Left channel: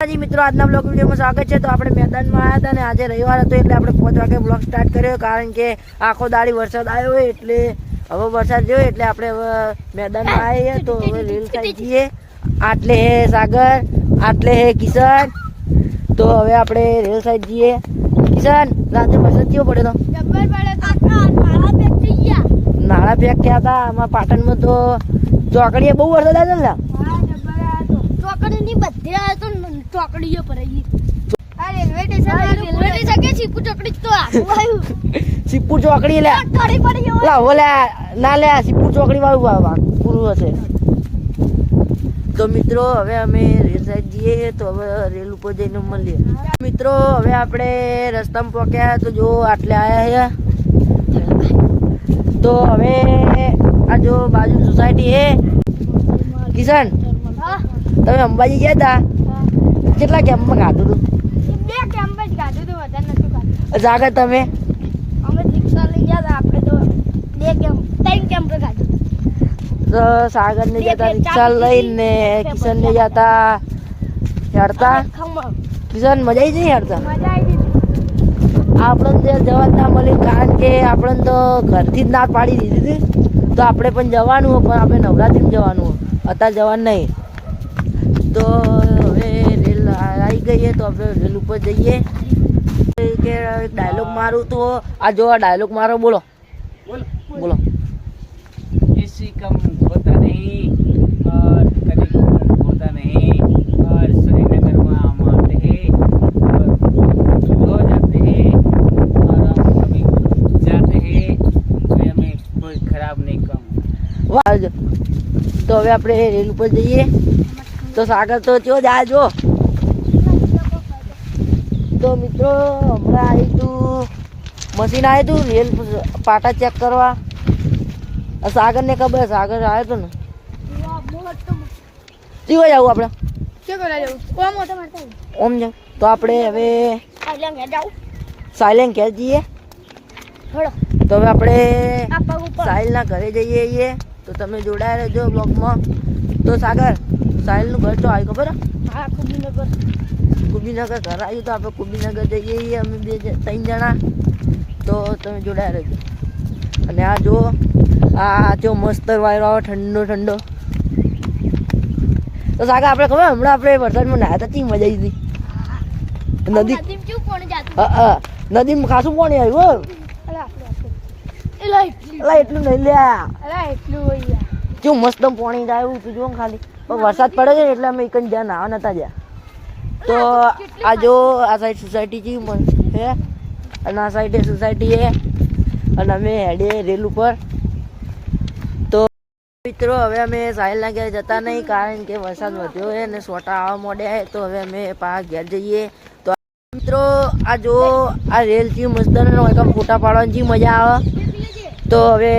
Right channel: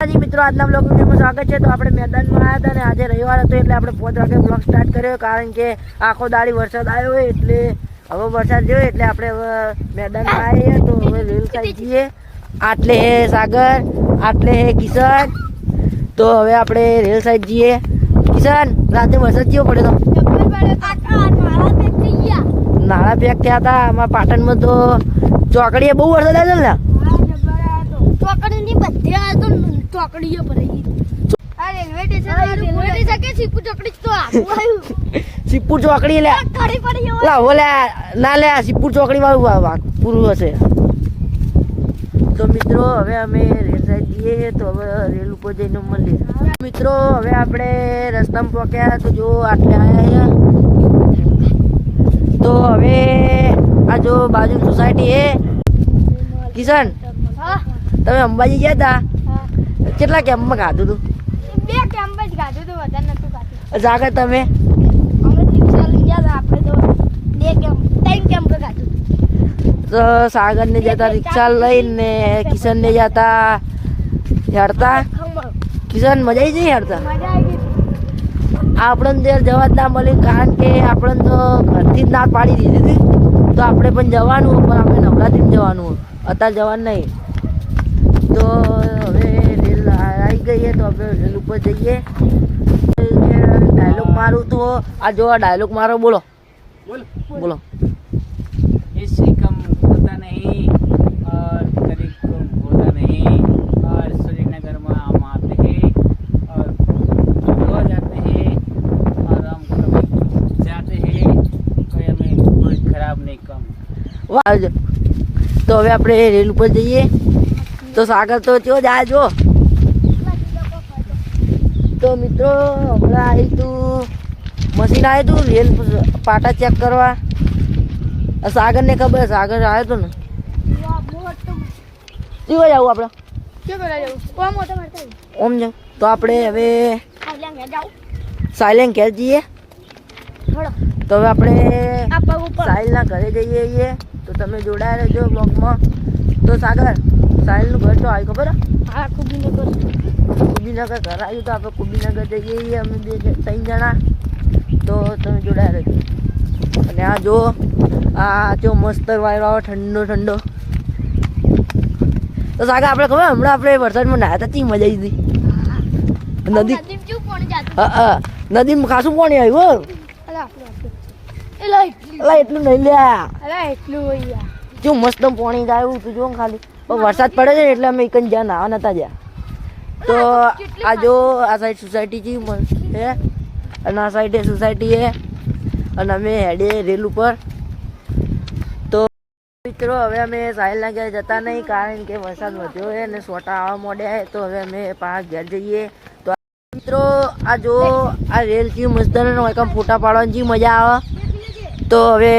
મિત્રો આજના બ્લોગ વિડીયોમાં સ્વાગત છે। તો આપણે મેદાનમાં આવ્યા હતા ને આજે રવિવાર હતો એટલે આપણે 5 વાગે બ્લોગ સ્ટાર્ટ કર્યો કારણ કે આખો દાડી વરસાદ આવ્યો હોય એટલે હવે વરસાદ જોયો એટલે આપણે હવે મેદાનમાં આવીએ તો હવે રેલ સાઈડ જઈએ। આટલે હે સાગર, આટલે હે કિશન, તો હવે આપણે રેલ સાઈડ જઈએ। કિશન રાતે વરસાદ કેવો પડ્યો તો? નાળા પેક થયા હતા અમારા પાટણમાં તો ચોકડીએ બહુ વરસાદ આવ્યો ને ચોકડીઓ ભરાઈ આ રેલવે સ્ટેશન કે સિપ્પુ ચોકડી તો સિપ્પુ ચોકડી લે લા ઓલા ના લે સિપ્પુ ચોકડી વાળું પૂરું હશે। તો મિત્રો હવે અમે રેલ સાઈડ જઈએ તો હવે રેલ ઉપર જઈને મળીએ। મિત્રો હવે આપણે રસ્તામાં પહોંચ્યા તો જો આટલે આવ્યા છે તો હવે આ જો બાજુ સોસાયટી હે। કિશન તમે અંબાજી ગયા હતા કેટલા કેમ્પમાં ખાધું હતું? 2 કેમ્પ જ ખાધું હતું, વધારે નતું ખાધું। જાગર તમે? અમે રિક્ષા લઈ ગયા આપણે તો 3 કેમ્પ ખાધું। તો સાગર ને જતા રિક્ષા લઈને, કિશન ને જતા હેરતા। કિશન મજા આવી જઈ હેરતા? મજા આવી ગઈ। આપણને દેર જવા જ ના મળી કારણ કે આપણને તો ઘરથી જ ના પાડી દીધી હતી તો આપણે પણ જવાનું પણ આપણે નવરાત્રિમાં જવાનું અત્યારે જવાનું નહીં। તો હવે રેલ આવી ગઈ તો આપણે રેલ ઉપર જઈએ કે ડાયલોગ મારું તો આ જો ડાયલોગ મારો બોલો બોલો। इससे कम होता नहीं और कभी कम होता नहीं और श्रीनगर में हम आते हैं और रोज आते हैं और हम कभी जाते हैं तो हमें कोई खराब नहीं कम। વાહ તો હવે આપણે રેલ ઉપર જઈએ તો સાગર તો ચો જાય જો। તો મિત્રો હમણાં આવ્યું તું મશીન આવ્યું તું રેલ પાટા ચેક કરવા। સાગર ને ખબર સાગર આવ્યો હતો ને કેવો જવું આપણે ઓમ જાવ તો આપણે હવે સાયલેન્ટ ઘેર જઈએ। તો હવે આપણે સાહિલના ઘરે જઈએ તો તમે જોડાયા રહેજો બ્લોગમાં। તો સાગર સાહિલનું ઘર તો આવ્યું ખબર? કુબીનગર ઘર આવ્યું તો આપણે કુબીનગર જઈએ અમે 3 જણા। તો તમે જોડાયા રહેજો। અને આ જો આ જો મસ્ત વાયરો આવે ઠંડો ઠંડો। તો સાગર આપણે ખબર હમણાં આપણે વરસાદમાં નાહ્યા હતા મજા આવી હતી નદી નદીમાં ખાસું પાણી આવ્યું એટલું નહીં લ્યા જો મસ્ત પાણી જાય તું જો ખાલી વરસાદ પડે છે એટલે અમે એક જ્યાં નાવા નતા ગયા। તો આ જો આ સાઈડ સોસાયટી છે હે અને આ સાઈડે સોસાયટી હે અને અમે હેડે રેલ ઉપર। તો મિત્રો હવે અમે સાહિલના ઘેર જતા નહીં કારણ કે વરસાદ વધ્યો છે અને સોટા આવવા માંડ્યા છે તો હવે અમે પાછા ઘેર જઈએ। તો મિત્રો આ જો આ રેલ છે મસ્ત ફોટા પાડવાની મજા આવે। તો હવે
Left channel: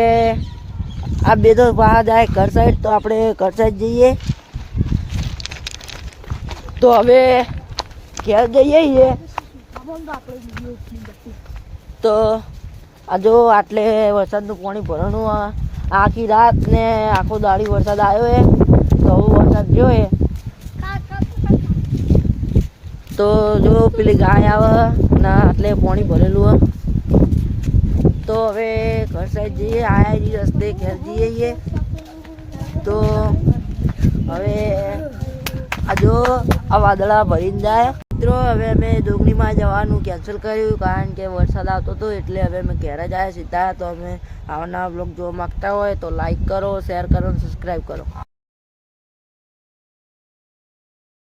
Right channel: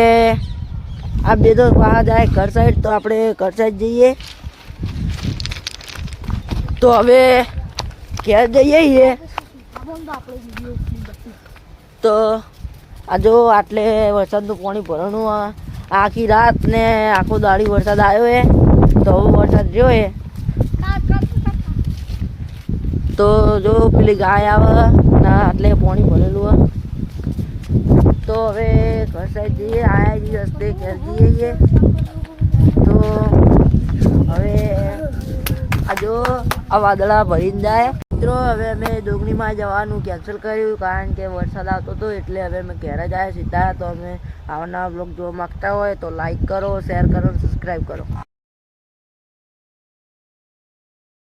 આ બે તો પાછા જાય ઘર સાઈડ તો આપણે ઘર સાઈડ જઈએ। તો હવે ઘેર જઈએ તો આ જો આટલે વરસાદનું પાણી ભરવાનું આખી રાત ને આખો દાડી વરસાદ આવ્યો છે તો હવે વરસાદ જોયે તો જો પેલી ગાય આવે ના આટલે પાણી ભરેલું તો હવે ઘર સાઈડ જઈએ આયા રસ્તે ઘેર જઈએ। તો હવે આ જો આ વાદળા ભરીને જાય। મિત્રો હવે અમે ડોંગરીમાં જવાનું કેન્સલ કર્યું કારણ કે વરસાદ આવતો હતો એટલે હવે અમે ઘેર જ આવ્યા સીધા। તો અમે આવના બ્લોગ જોવા માગતા હોય તો લાઈક કરો, શેર કરો અને સબસ્ક્રાઈબ કરો।